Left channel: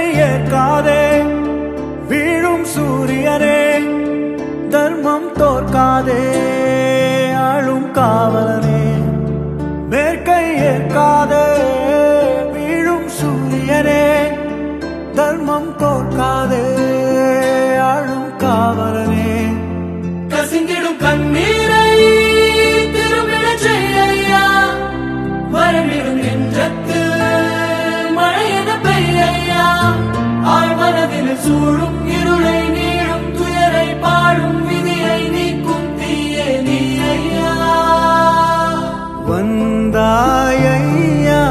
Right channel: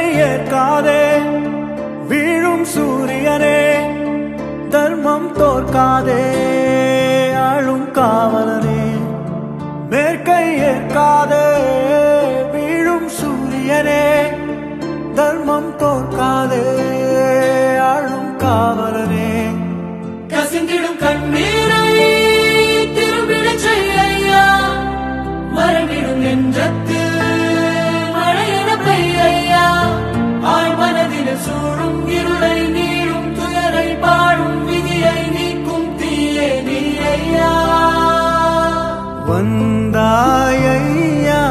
மேற்கை ஏற்காதே வீழும் சூரியனே தர்மம் தோற்காதே ஆளும் காவலனே மேற்கை ஏற்காதே வீழும் சூரியனே தர்மம் தோற்காதே ஆளும் காவலனே கசிந்திடும் கண்ணீரை திரும்பிடச் செய்யா மறைவிடும் நெஞ்சத்தில் மழையென பெய்யா ஆழ்மனதில் சூழும் இருளை நீளும் துயரை பாடும் விதியை நீக்கும் தீயே நீ ஐயா வந்தாய் ஐயா